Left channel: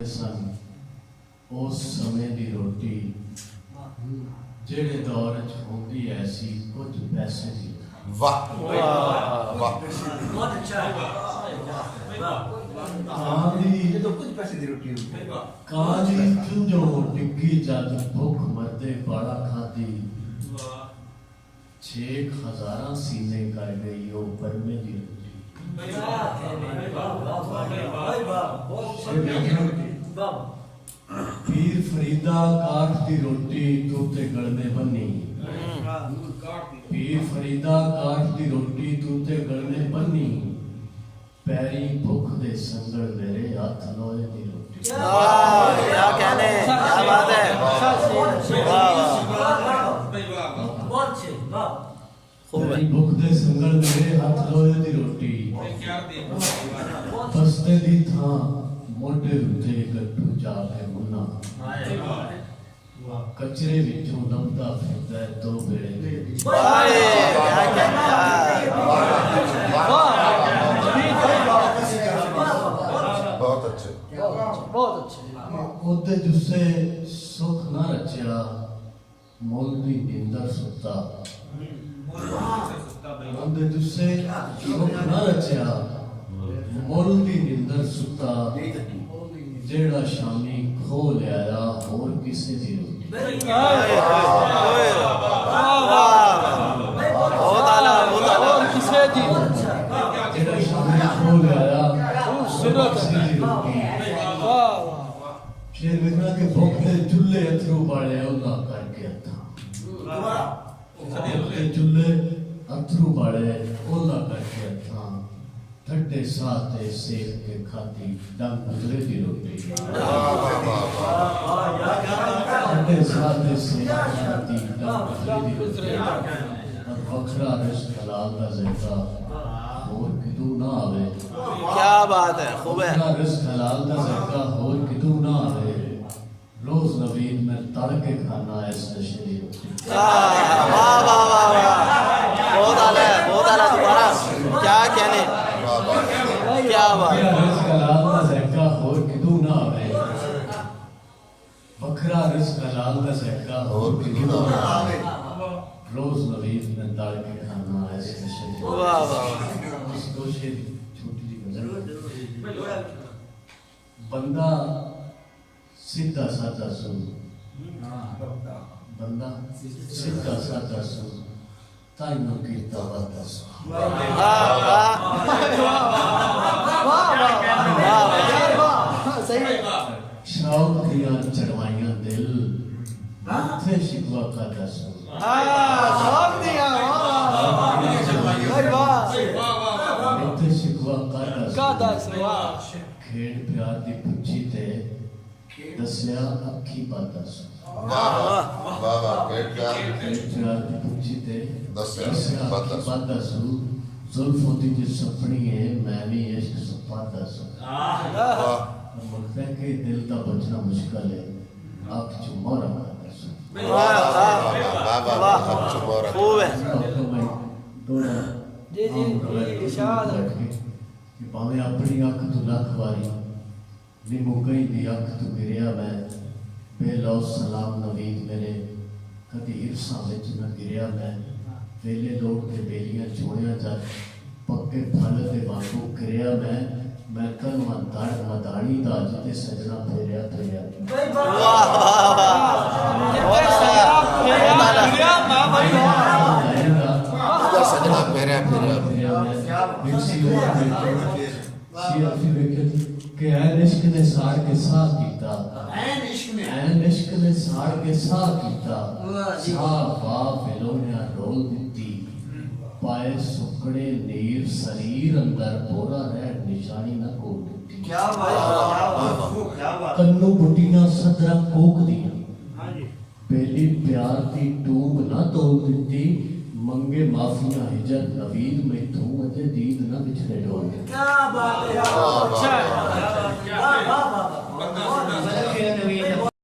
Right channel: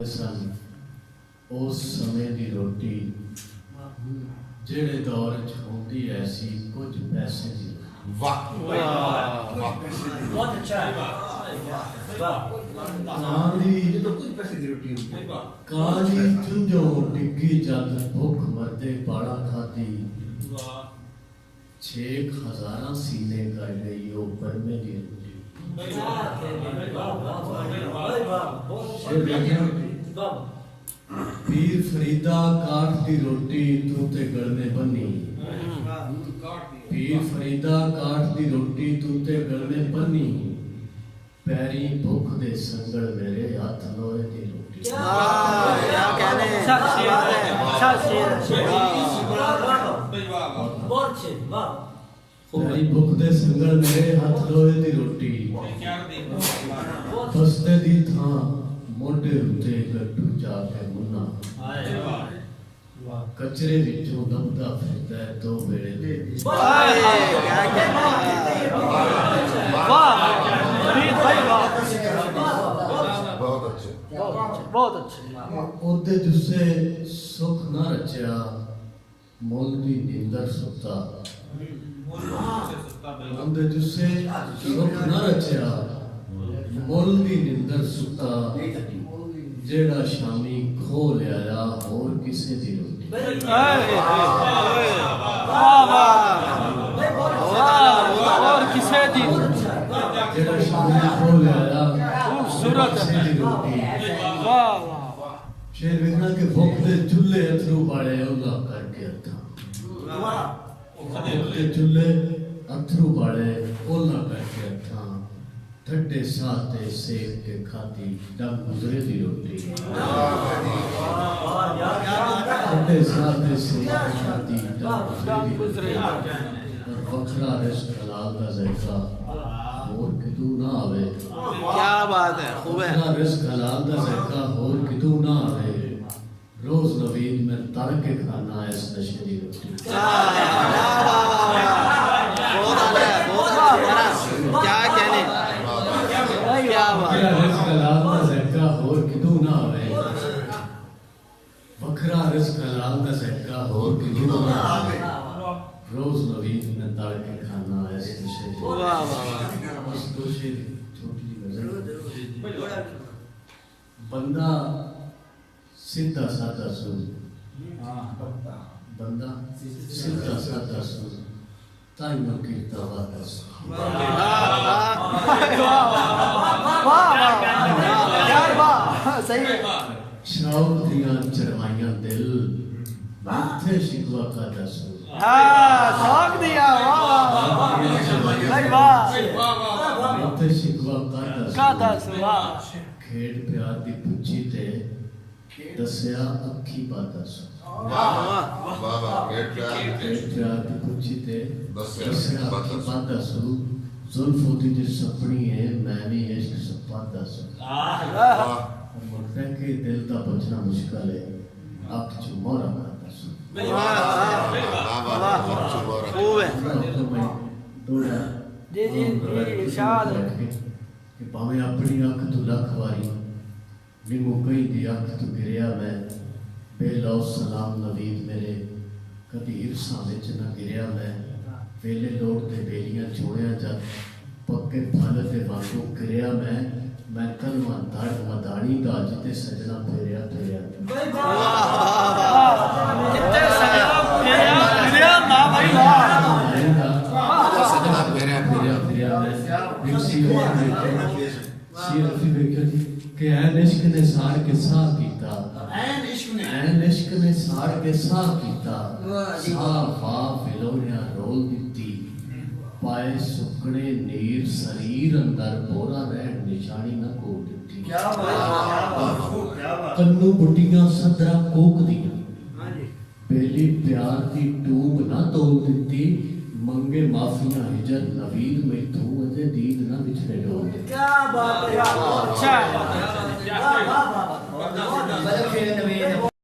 सन उस समय दी रोटी जेड़े दौर च होंदी ऐसी कुछ पैसे दी। वाह वाह बहुत अच्छा है। काली चुंजो डिग्गी जद भुख मरदे बाड़ा खादी 6,000 सीने कर गई वो बरमे दी पीर फरीदा काठ दी रोटी तू ते गलने बन्नी। पीर फरीदा काठ दी रोटी तू ते गलने बन्नी पैरी भुख दे संगल मेरे हाथ लोहे दी रोटी। पैरी भुख दे संगल मेरे हाथ लोहे दी रोटी बस्ते दी थां मोढे उत्ते गट्टू जाके मुन्ना कचरे विचों लभदा फिरदा है दो वेले दे। बहुत अच्छे ओदे जुस्से सुख न रचा मुल दी निंदर सुता। ओदे जुस्से सुख न रचा मुल दी निंदर सुता जेड़ा शामी खो लिया होर किसे दी रोटी। और किसे दी जेड़ा शामी खो लिया किसे दी रोटी। शेर विकरा के भुख दे चुल्हे अथरू बाड़े ओला करके अथा के चुल्हे अथरू बाड़े ओला करके अथा ठंडे साथे सेक के खाती दम गुजरे दी रोटी। ठंडे साथे सेक के खाती दम गुजरे दी रोटी वखरा रिश्क हलाल दा ज़ायका होर कितू ना आवे। क्या बात है खूब है। वखरा रिश्क हलाल दा ज़ायका होर कितू ना आवे रोज नवीद में तड़ के खाना इस नशे दी रोटी। क्या कहने क्या बात वखरा रिश्क हलाल दा ज़ायका होर कितू ना आवे। वखरा रिश्क हलाल दा ज़ायका होर कितू ना आवे रोज नवीद में तड़ के खाना इस नशे दी रोटी। इस दो शेर छोटी सी गजल बंदा सीधा साधा सुन बंदा सीधा साधा सुन ताइयों कीता वादा सुन। शौक दियां चढ़वाइयां दिल माथे शिकवा का दसूं। माथे शिकवा का दसूं खेड प्यार दी पुच्छी ते दस्या अखी बाता सुन। खेड प्यार दी पुच्छी ते दस्या अखी बाता सुन जुल्फों दी ते सपनी है मैं भी इश्क सपादा सुन। मकता के दिल दा बचना मुश्किल है अख चु मोरा करदा सुन। कि भावें अपनी अख तू लख वारी भी मुकई दी अख तू गिरिया मैं बेलौ सलाम नवीद मेरे कदी इरसा विच न गिरिया मैं वेले लोट ते बेलियां चूड़ियां जद पक्के फल ते वांगू गिरिया मैं कलमा धड़ मदानी दा जिते सजना फेरिया फेरिया सजना फेरिया फेरिया कि ऐन इश्क ने सार के साह कीता ऐन इश्क ने सार के साह कीता साह वाह फिलोनिया रोल दिती पाए सुकड़े नीर शरीर अंदर बोरा रहन निशानी न कोल दिती। कन्नू बुटियां सदरा कोक दियां बेली प्यार दी टूब ना तोल दिती मंगे माफियां हिजर नवीद में तू अते दीद ना विछड़े डोल दिती। क्या बात है। अच्छा